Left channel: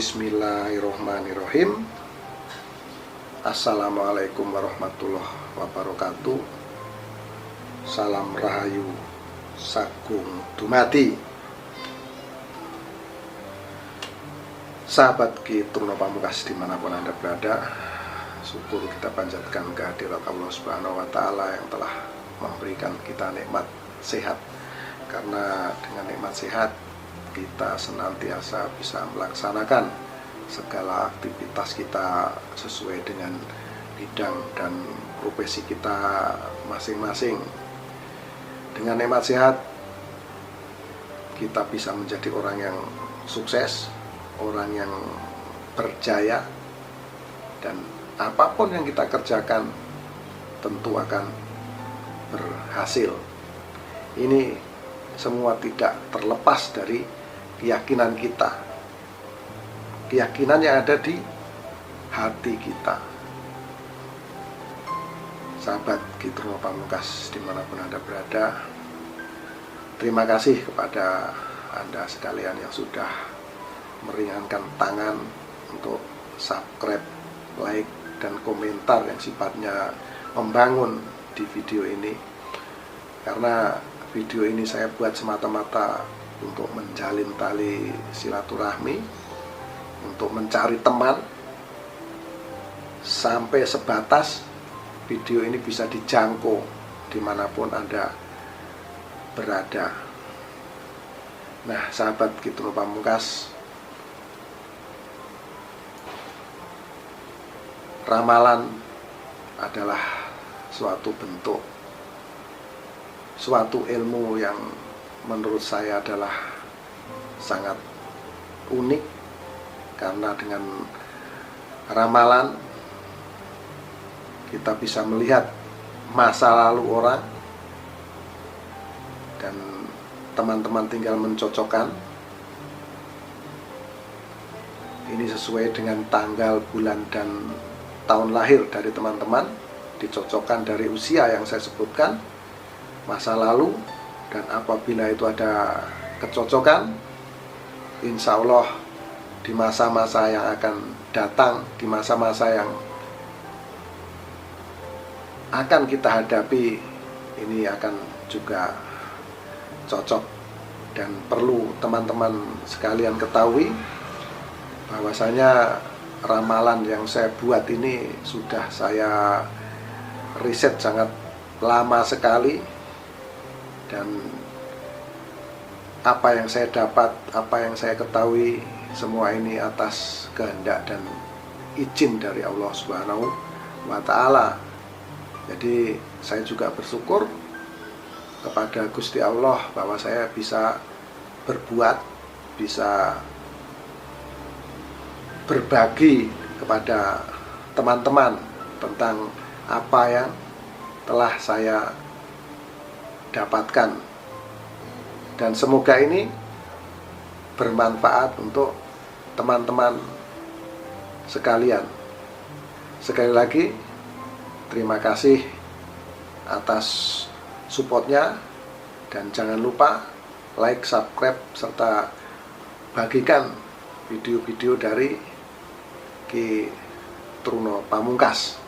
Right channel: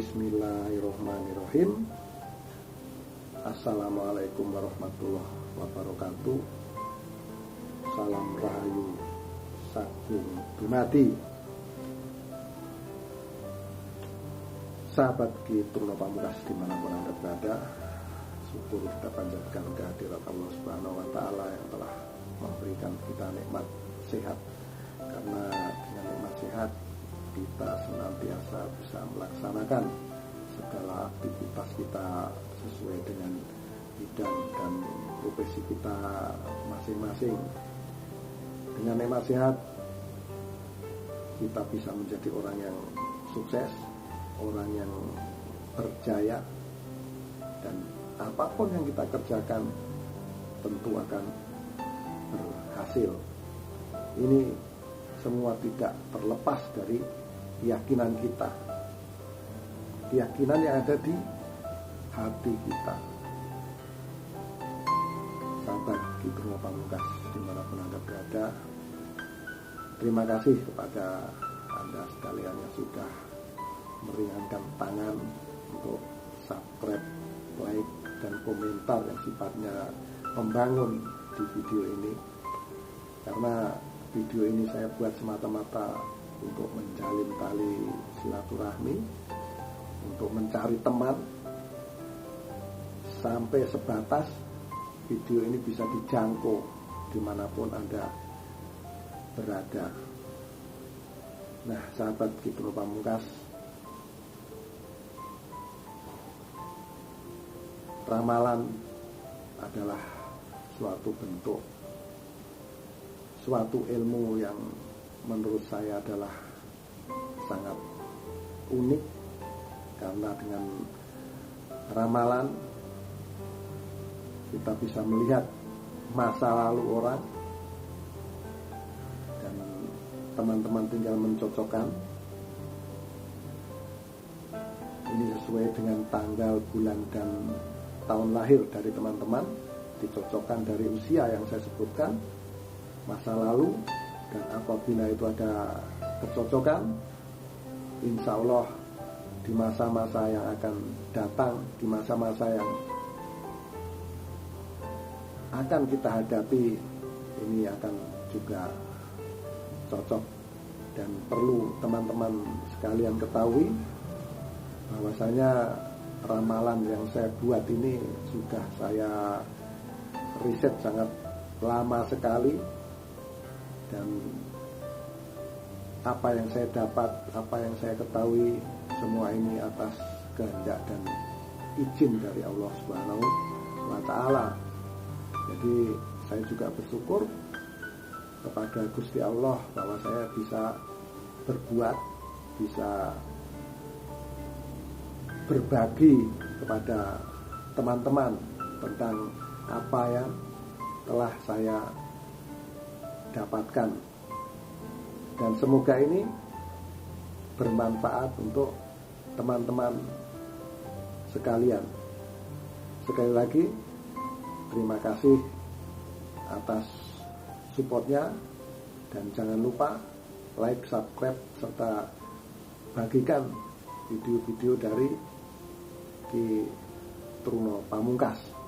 Bismillahirrohmanirrohim. Assalamualaikum warahmatullahi wabarakatuh. Salam rahayu sagung dumadi. Sahabat Ki Truno Pamungkas dimanapun Anda berada, syukur kita panjatkan kehadirat Allah Subhanahu wa Ta'ala yang telah memberikan kita nikmat sehat. Karena dengan nikmat sehat kita senantiasa bisa melaksanakan segala aktivitas kita sesuai dengan bidang dan profesi kita masing-masing. Dengan nikmat sehat kita bisa menjadi orang yang sukses, orang yang berjaya, dan apapun yang kita kerjakan tentu akan berhasil. Ini semua tidak terlepas dari keyakinan kita, keyakinan yang ada di hati kita. Sahabat Ki Truno Pamungkas dimanapun Anda berada, terima kasih kepada Anda sekalian yang sudah meringankan tangan untuk subscribe, like, dan komentar yang sifatnya membangun di video ini. Karena video ini saya buat semata-mata untuk menjalin tali silaturahmi, untuk mencari teman, sampai sebatas video ini bisa dijangkau dimanapun Anda berada. Nah, sahabat Ki Truno Pamungkas, ramalan adalah suatu bentuk, suatu ilmu yang menurut saya adalah sangat unik. Karena dengan ramalan kita bisa melihat masa lalu orang, dan teman-teman tinggal mencocokkan ini sesuai dengan tanggal, bulan, dan tahun lahir dari teman-teman, dicocokkan dari usia yang saya sebutkan, masa lalu, dan apabila itu ada kecocokan, insya Allah di masa-masa yang akan datang, di masa-masa yang akan kita hadapi, ini akan juga cocok. Dan perlu teman-teman sekalian ketahui bahwasanya ramalan yang saya buat ini sudah saya riset sangat lama sekali, dan apa yang saya dapat, apa yang saya ketahui, semua ini atas kehendak dan izin dari Allah Subhanahu wa Ta'ala. Jadi saya juga bersyukur kepada Gusti Allah bahwa saya bisa berbuat, bisa berbagi kepada teman-teman tentang apa yang telah saya dapatkan, dan semoga ini bermanfaat untuk teman-teman sekalian. Sekali lagi terima kasih atas supportnya, dan jangan lupa like, subscribe, serta bagikan video-video dari Ki Truno Pamungkas.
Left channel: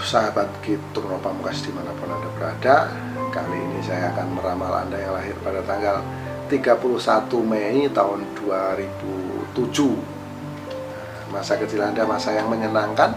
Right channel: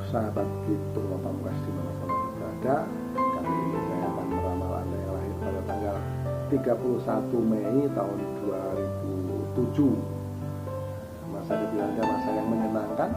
Sahabat Ki Truno Pamungkas dimanapun Anda berada, kali ini saya akan meramal Anda yang lahir pada tanggal 31 Mei tahun 2007. Masa kecil Anda masa yang menyenangkan,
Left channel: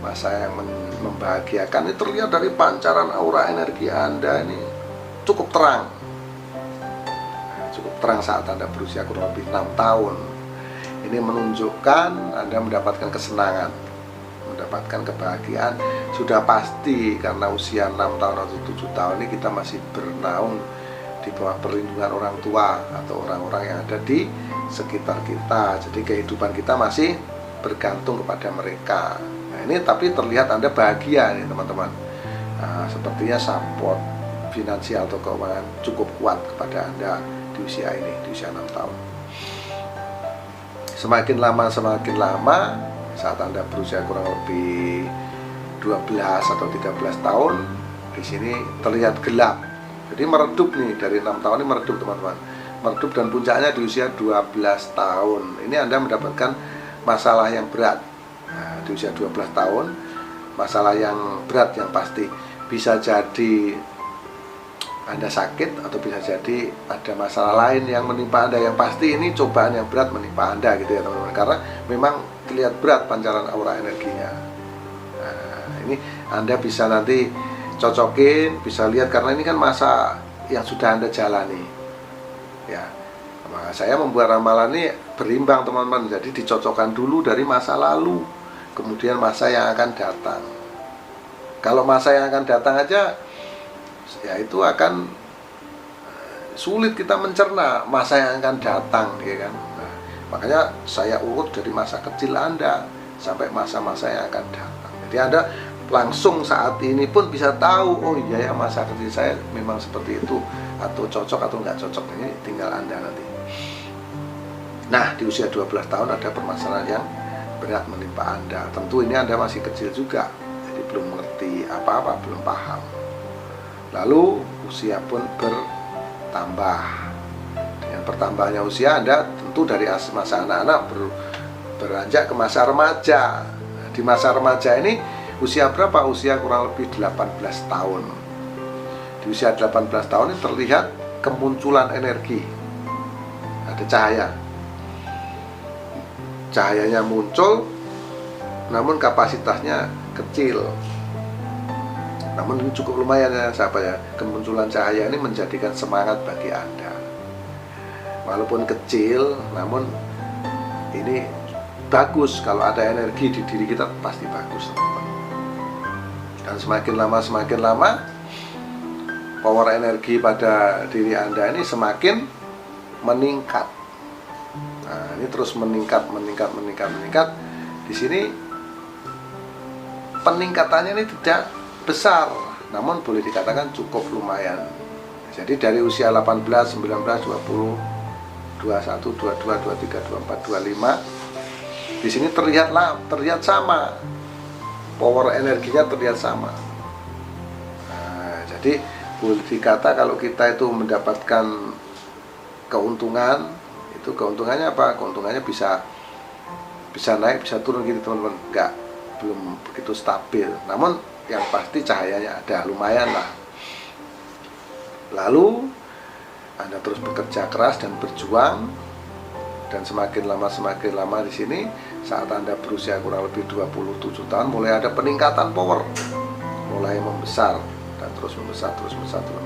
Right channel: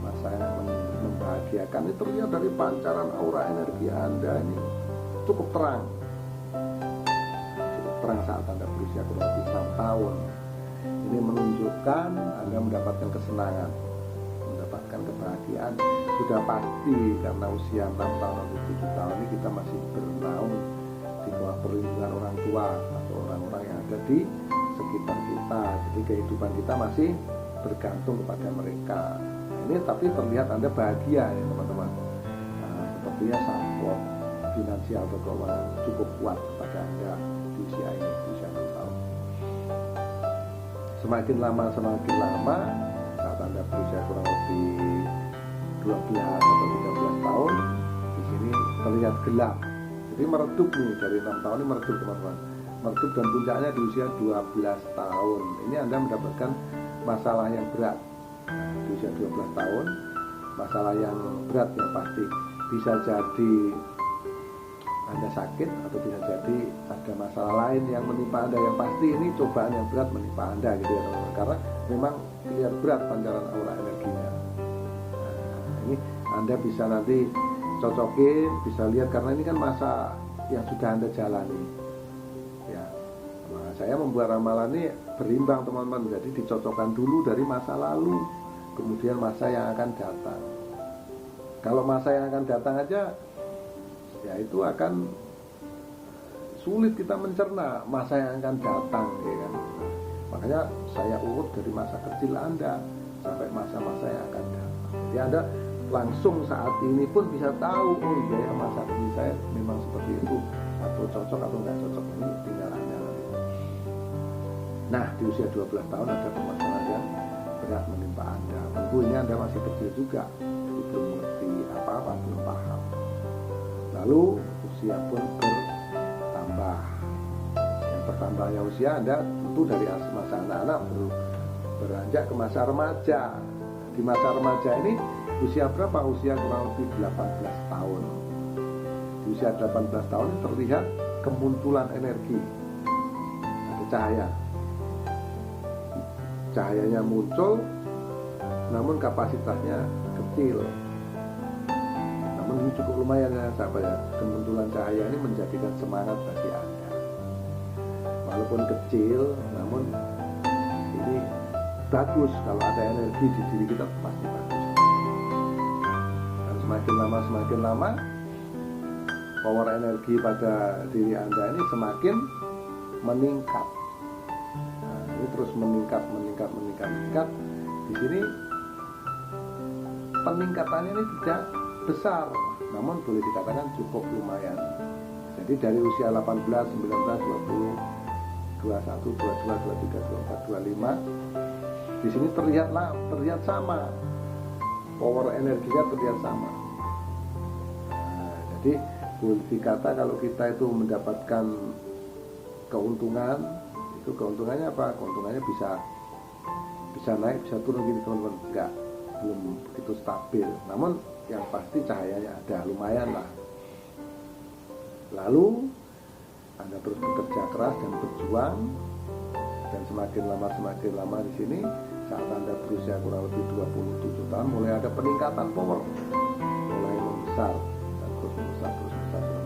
masa yang membahagiakan. Ini terlihat dari pancaran aura energi Anda ini cukup terang, cukup terang saat Anda berusia kurang lebih 6 tahun. Ini menunjukkan Anda mendapatkan kesenangan, mendapatkan kebahagiaan. Sudah pasti karena usia 6 tahun atau 7 tahun ini kita masih bernaung di bawah perlindungan orang tua atau orang-orang yang ada di sekitar kita. Jadi kehidupan kita masih bergantung kepada mereka. Nah, ini tapi terlihat Anda bahagia nih teman-teman. Nah, sepertinya support finansial atau keuangan cukup kuat kepada Anda di usia ini, di usia 6 tahun. Semakin lama saat Anda berusia kurang lebih 12 atau 13 tahun, di sini terlihat gelap. Jadi meredup nih, dari 6 tahun ini meredup teman-teman. Meredup dan puncaknya di usia 12 tahun. Ini Anda mendapatkan masalah yang berat. Nah, di usia 12 tahun, masalah yang berat yang pasti. Bisa jadi Anda sakit, atau bisa jadi ada masalah lain yang menimpa Anda. Yang pasti ini cobaan yang berat menimpa Anda gitu ya teman-teman. Karena memang terlihat berat pancaran aura energinya. Nah, ini Anda bisa nanti cocokin, bisa lihat, karena ini kan masa yang sudah Anda jalani ya. Nah, saya membuat ramalan ini berimbang teman-teman. Jadi dicocokkan dulu dari masa lalu, kemudian masa yang akan datang. Kalau masa yang akan datang aja, ya itu akan sulit kita mencerna masa yang akan datang ya kan. Nah, makanya saya urut dari masa kecil Anda sampai masa-masa yang akan datang. Jadi Anda langsung saat ini pun bisa tahu, oh iya ya masa kecil saya memang seperti itu, atau cocok atau nggak cocok. Ini tinggal Anda nanti. Nah, di usia 12 tahun ada permasalahan yang berat menimpa Anda. Tentu ini Anda masih kecil juga, jadi belum mengerti apa-apa, belum paham. Lalu usia pun bertambah. Dengan bertambahnya usia Anda tentu dari masa anak-anak beranjak ke masa remaja. Di masa remaja ini usia berapa? Usia kurang lebih 18 tahun. Di usia 18 tahun ini terlihat kemunculan energi. Ada cahaya. Cahayanya muncul, namun kapasitasnya kecil. Namun ini cukup lumayan ya sahabat ya. Kemunculan cahaya ini menjadikan semangat bagi Anda. Walaupun kecil, namun ini bagus. Kalau ada energi di diri kita pasti bagus. Dan semakin lama power energi pada diri Anda ini semakin meningkat. Nah, ini terus meningkat. Di sini peningkatannya ini tidak besar, namun boleh dikatakan cukup lumayan. Jadi dari usia 18, 19, 20, 21, 22, 23, 24, 25, di sini terlihat sama. Power energinya terlihat sama. Nah, jadi boleh dikata kalau kita itu mendapatkan keuntungan, itu keuntungannya apa? Keuntungannya bisa naik, bisa turun gitu teman-teman. Belum begitu stabil. Namun yang pasti cahayanya ada, lumayan lah. Lalu Anda terus bekerja keras dan berjuang, dan semakin lama di sini saat Anda berusia kurang lebih 27 tahun mulai ada peningkatan power, mulai membesar dan terus membesar.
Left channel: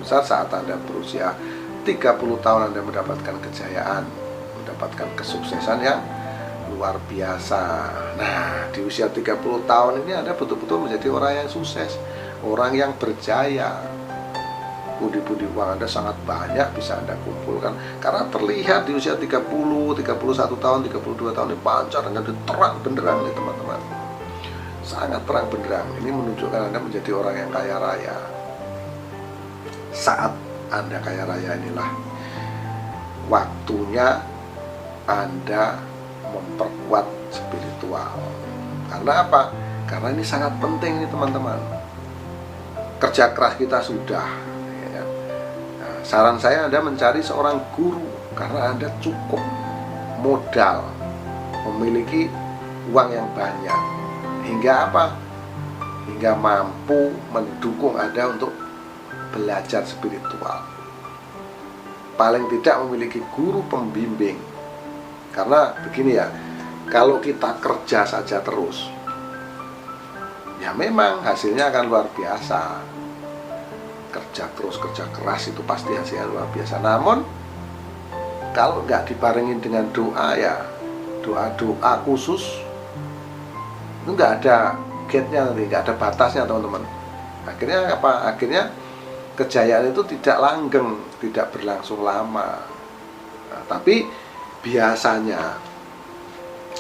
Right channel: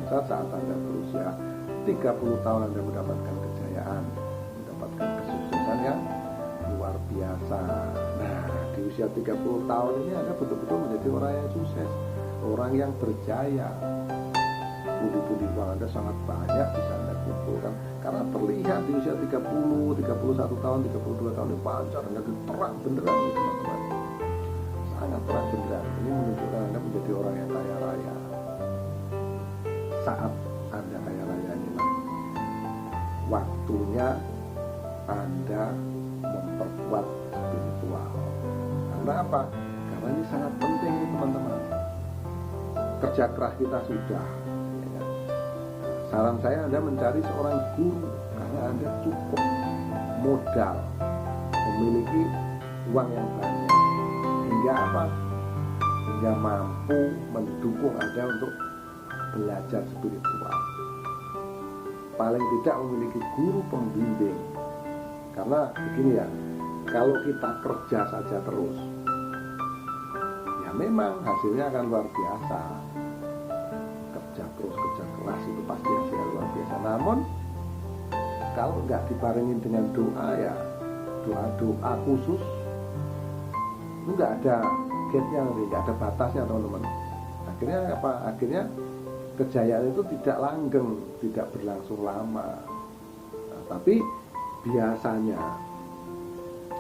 Saat Anda berusia 30 tahun Anda mendapatkan kejayaan, mendapatkan kesuksesan yang luar biasa. Nah, di usia 30 tahun ini Anda betul-betul menjadi orang yang sukses, orang yang berjaya. Pundi-pundi uang Anda sangat banyak bisa Anda kumpulkan, karena terlihat di usia 30, 31 tahun, 32 tahun ini pancarannya terang benderang nih teman-teman. Sangat terang benderang. Ini menunjukkan Anda menjadi orang yang kaya raya. Saat Anda kaya raya inilah waktunya Anda memperkuat spiritual. Karena apa? Karena ini sangat penting nih teman-teman. Kerja keras kita sudah. Saran saya Anda mencari seorang guru, karena Anda cukup modal, memiliki uang yang banyak, hingga apa? Hingga mampu mendukung Anda untuk belajar spiritual. Paling tidak memiliki guru pembimbing. Karena begini ya, kalau kita kerja saja terus, ya memang hasilnya akan luar biasa. Kerja terus, kerja keras itu pasti hasilnya luar biasa. Namun kalau nggak dibarengin dengan doa, ya doa khusus, itu nggak ada gate-nya nanti, nggak ada batasnya teman-teman. Akhirnya apa? Akhirnya kejayaan itu tidak langgeng, tidak berlangsung lama. Nah, tapi biasanya,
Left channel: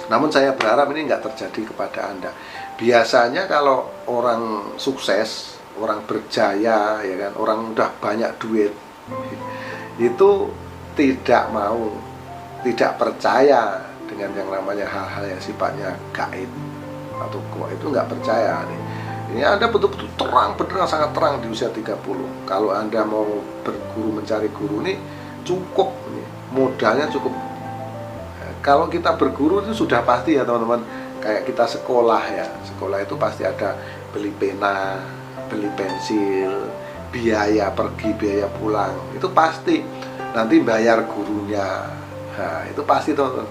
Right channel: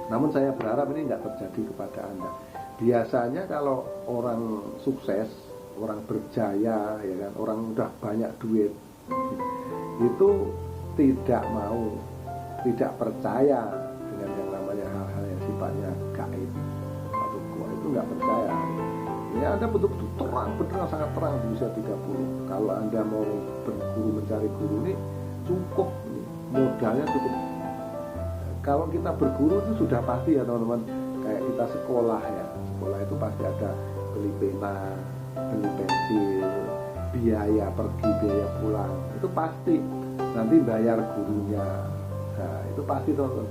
namun saya berharap ini nggak terjadi kepada Anda. Biasanya kalau orang sukses, orang berjaya, ya kan, orang udah banyak duit, itu tidak percaya dengan yang namanya hal-hal yang sifatnya gaib atau goib, itu nggak percaya nih. Ini Anda betul-betul terang benderang, sangat terang di usia 30. Kalau Anda mau berguru, mencari guru nih cukup nih, modalnya cukup. Kalau kita berguru itu sudah pasti ya teman-teman, kayak kita sekolah ya, sekolah itu pasti ada beli pena, beli pensil, biaya pergi, biaya pulang, itu pasti. Nanti bayar gurunya, nah, itu pasti teman-teman.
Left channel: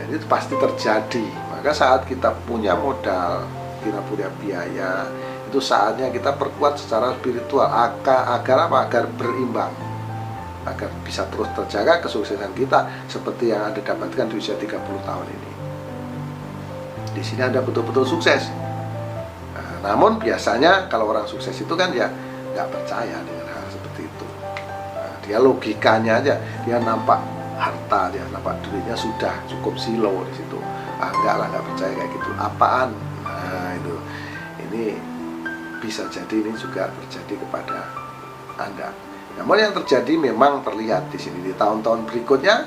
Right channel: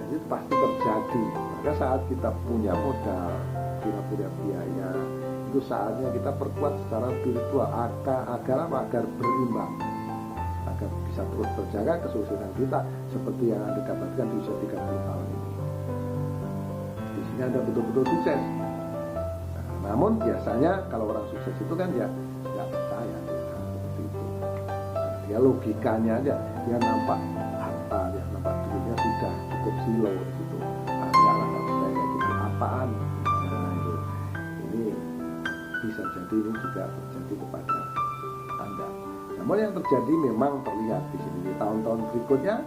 Jadi itu pasti terjadi. Maka saat kita punya modal, kita punya biaya, itu saatnya kita perkuat secara spiritual agar apa? Agar berimbang, agar bisa terus terjaga kesuksesan kita seperti yang Anda dapatkan di usia 30 tahun ini. Di sini Anda betul-betul sukses. Nah, namun biasanya kalau orang sukses itu kan ya nggak percaya dengan hal seperti itu. Nah, dia logikanya aja, dia nampak harta, dia nampak duitnya sudah cukup silo di situ. Enggak lah, nggak percaya kayak gitu. Apaan? Nah, itu. Ini bisa jadi ini juga terjadi kepada Anda. Namun yang terjadi memang terlihat di sini di tahun-tahun berikutnya,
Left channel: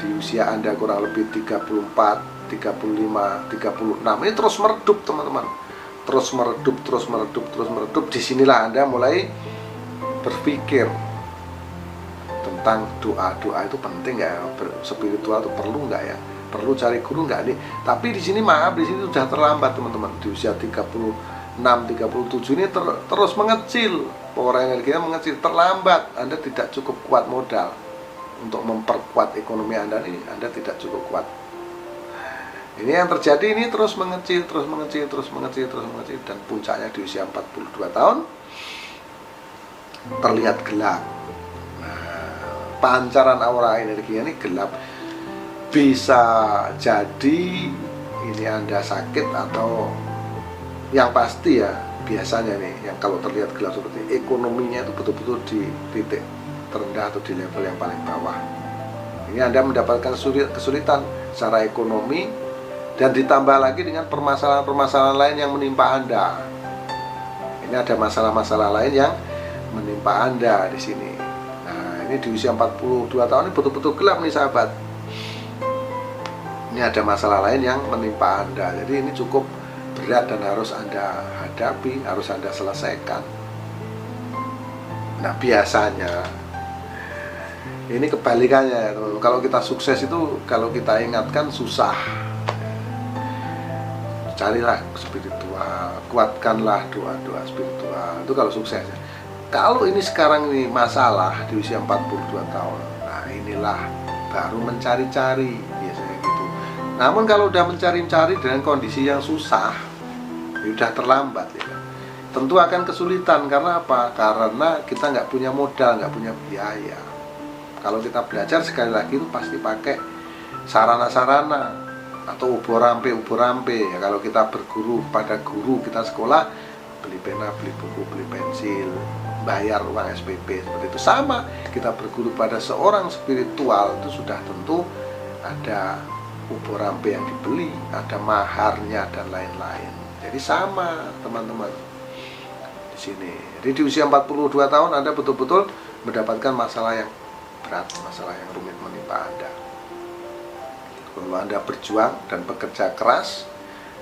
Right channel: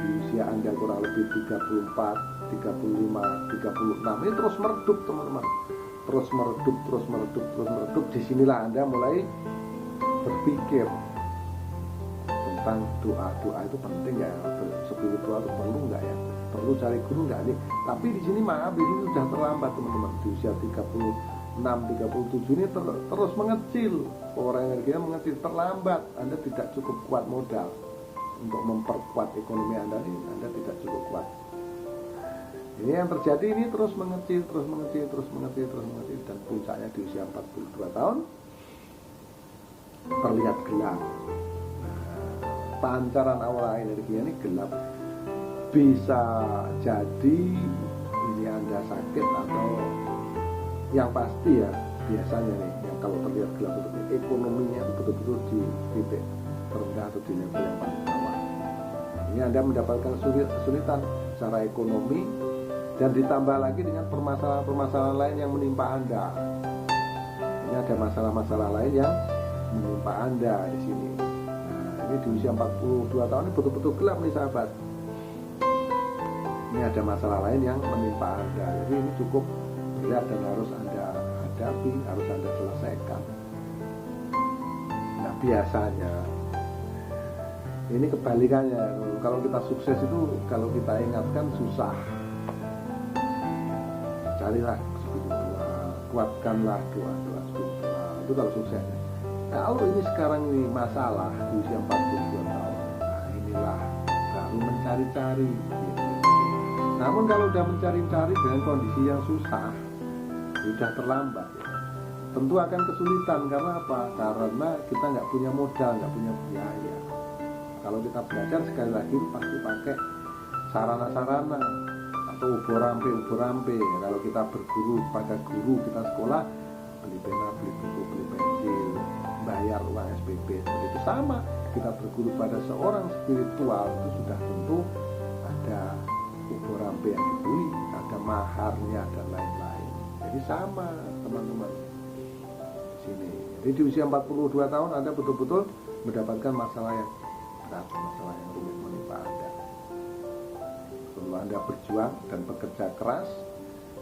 di usia Anda kurang lebih 34, 35, 36, ini terus meredup teman-teman. Terus meredup. Disinilah Anda mulai berpikir tentang doa itu penting nggak ya? Spiritual itu perlu nggak ya? Perlu cari guru nggak nih? Tapi di sini maaf, di sini sudah terlambat teman-teman. Di usia 36, 37 ini terus mengecil, power energinya mengecil, terlambat. Anda tidak cukup kuat modal untuk memperkuat ekonomi Anda ini, Anda tidak cukup kuat. Ini yang terjadi, ini terus mengecil, dan puncaknya di usia 42 tahun terlihat gelap. Nah, pancaran aura energi ini gelap. Bisa jadi ini Anda sakit, atau yang pasti ya biasanya nih, yang kalau terlihat gelap seperti ini, ekonominya itu betul-betul di titik terendah atau di level yang paling bawah. Ini Anda mendapatkan kesulitan secara ekonomi, dan ditambah lagi dengan permasalahan-permasalahan lain yang menimpa Anda. Ini ada masalah-masalah lain yang menimpa Anda di sini. Nah, ini di usia 42 tahun ini betul-betul gelap nih sahabat. Ini ada masalah lain yang menimpa Anda. Jadi ini cukup berat dan harus Anda hadapi, harus Anda selesaikan. Nah, biasanya ini kebalikannya, teman-teman. Kalau kita sukses itu, kalau kita ingatkan susah. Carilah spiritual, kuatkanlah doa-doa spiritual. Itu kalau sukses. Kalau ini sekarang ini masalah di usia 42 tahun, nah inilah baru mencari-cari biasanya gitu. Namun kalau udah mencari-cari dengan kondisi yang susah, sudah terlambat ya. Tentu akan kesulitan. Karena apa? Karena kita nggak punya modal, nggak punya biaya. Kalau kita belajar sekali lagi itu pasti pakai sarana-sarana atau ubur rampe ya. Kalau kita berguru pada guru, kita sekolah, beli pena, beli buku, beli pensil, bayar uang SPP, seperti itu. Sama kita berguru pada seorang spiritual, itu sudah tentu ada ubur rampe yang dibeli, ada maharnya dan lain-lain. Jadi sama teman-teman di sini. Jadi di usia 42 tahun Anda betul-betul mendapatkan masalah yang berat, masalah yang rumit menimpa Anda. Kalau Anda berjuang dan bekerja keras,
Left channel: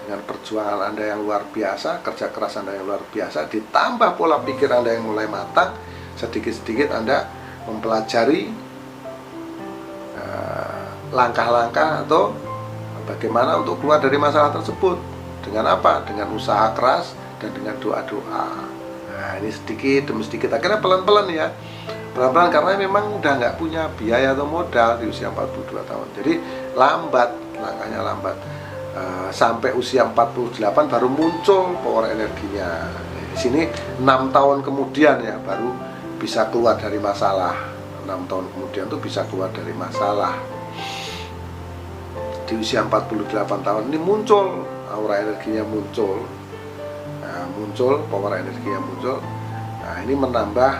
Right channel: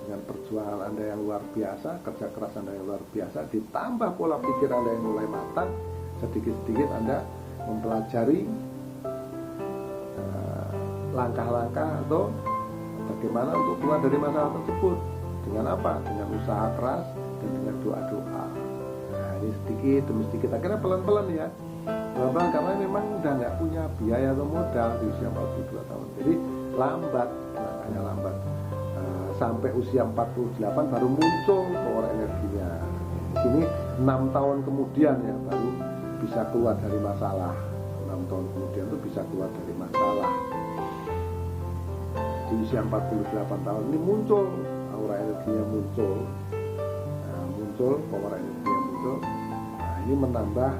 dengan perjuangan Anda yang luar biasa, kerja keras Anda yang luar biasa, ditambah pola pikir Anda yang mulai matang, sedikit-sedikit Anda mempelajari langkah-langkah atau bagaimana untuk keluar dari masalah tersebut. Dengan apa? Dengan usaha keras dan dengan doa-doa. Nah, ini sedikit demi sedikit, akhirnya pelan-pelan ya. Pelan-pelan, karena memang udah nggak punya biaya atau modal di usia 42 tahun. Jadi lambat, langkahnya lambat. Sampai usia 48 baru muncul power energinya. Di sini 6 tahun kemudian ya baru bisa keluar dari masalah. 6 tahun kemudian tuh bisa keluar dari masalah. Di usia 48 tahun ini muncul aura energinya, muncul. Nah, muncul power energinya muncul. Nah, ini menambah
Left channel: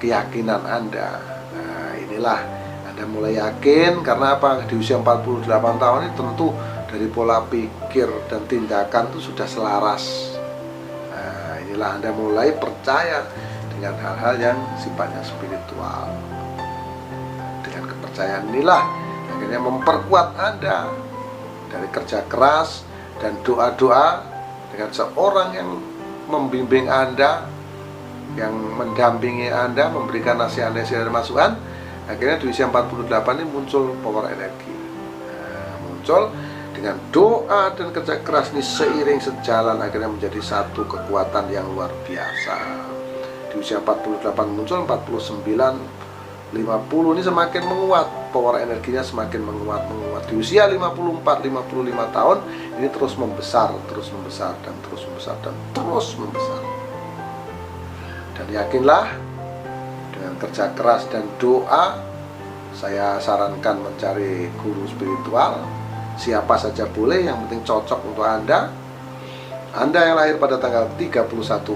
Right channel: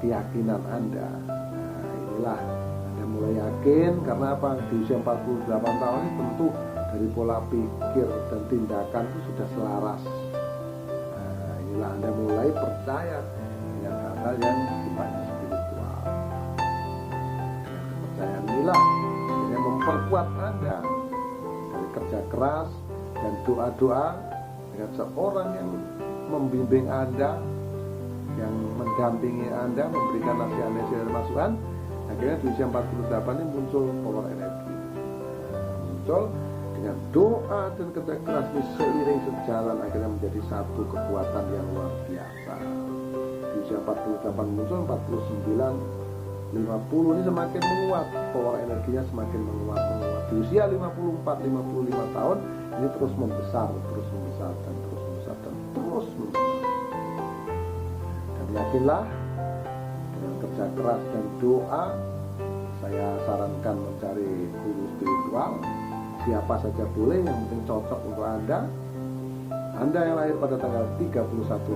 keyakinan Anda. Nah, inilah Anda mulai yakin. Karena apa? Di usia 48 tahun ini tentu dari pola pikir dan tindakan itu sudah selaras. Nah, inilah Anda mulai percaya dengan hal-hal yang sifatnya spiritual. Dengan kepercayaan inilah akhirnya memperkuat Anda dari kerja keras dan doa-doa dengan seorang yang membimbing Anda, yang mendampingi Anda, memberikan nasihat-nasihat dan masukan. Akhirnya di usia 48 ini muncul power energi. Muncul dengan doa dan kerja keras ini seiring sejalan, akhirnya menjadi satu kekuatan yang luar biasa. Di usia 48 muncul, 49, 50 ini semakin menguat, power energinya semakin menguat. Di usia 54, 55 tahun ini terus membesar dan terus membesar. Dan yakinlah, dengan kerja keras dan doa, saya sarankan mencari guru spiritual. Siapa saja boleh, yang penting cocok untuk Anda. Anda yang lahir pada tanggal 31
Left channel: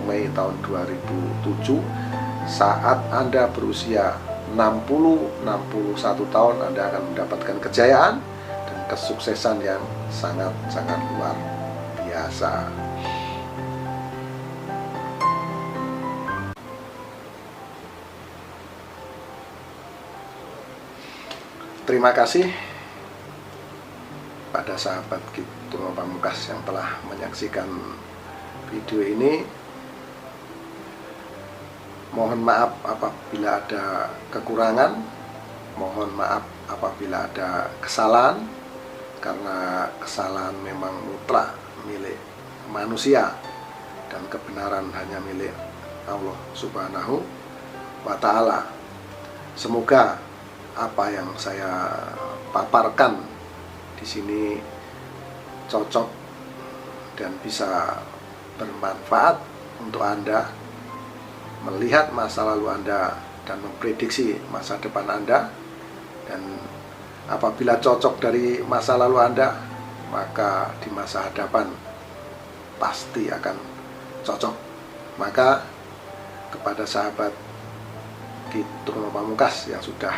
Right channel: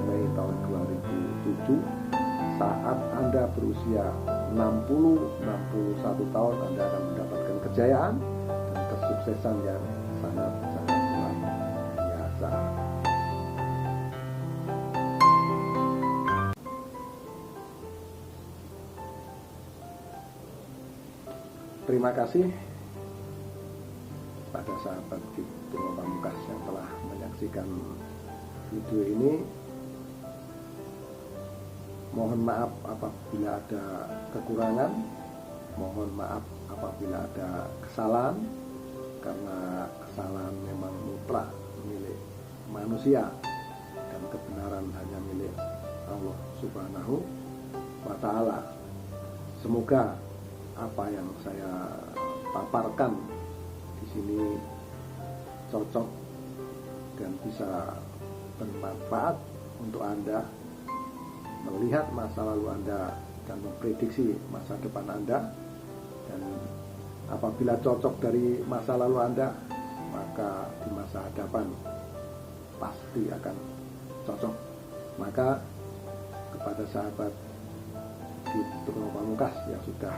Mei tahun 2007, saat Anda berusia 60-61 tahun, Anda akan mendapatkan kejayaan dan kesuksesan yang sangat-sangat luar biasa. Terima kasih pada sahabat Turno Pamungkas yang telah menyaksikan video ini. Mohon maaf apabila ada kekurangan, mohon maaf apabila ada kesalahan, karena kesalahan memang mutlak milik manusia dan kebenaran hanya milik Allah Subhanahu wa Ta'ala. Semoga apa yang saya paparkan di sini cocok dan bisa bermanfaat untuk Anda melihat masa lalu Anda dan memprediksi masa depan Anda. Dan apabila cocok dari masa lalu Anda, maka di masa hadapan pasti akan cocok. Maka kepada sahabat Turno Pamungkas yang sudah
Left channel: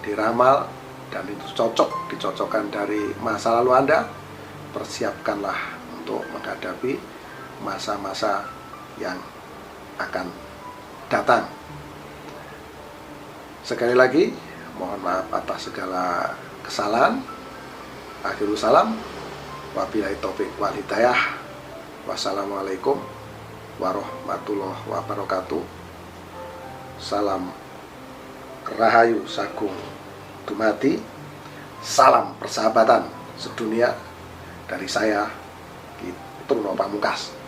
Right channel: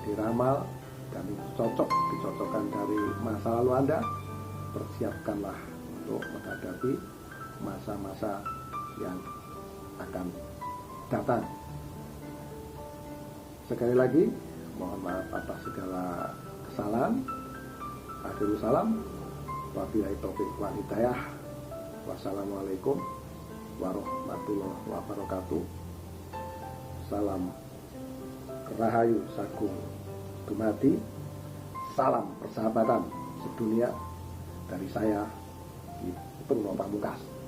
diramal dan itu dicocokkan dari masa lalu Anda, persiapkanlah untuk menghadapi masa-masa yang akan datang. Sekali lagi, mohon maaf atas segala kesalahan. Akhirul salam, wabillahi taufik wal hidayah. Wassalamualaikum warahmatullahi wabarakatuh. Salam Rahayu Sagung Dumadi. Salam persahabatan sedunia dari saya, Turno Pamungkas.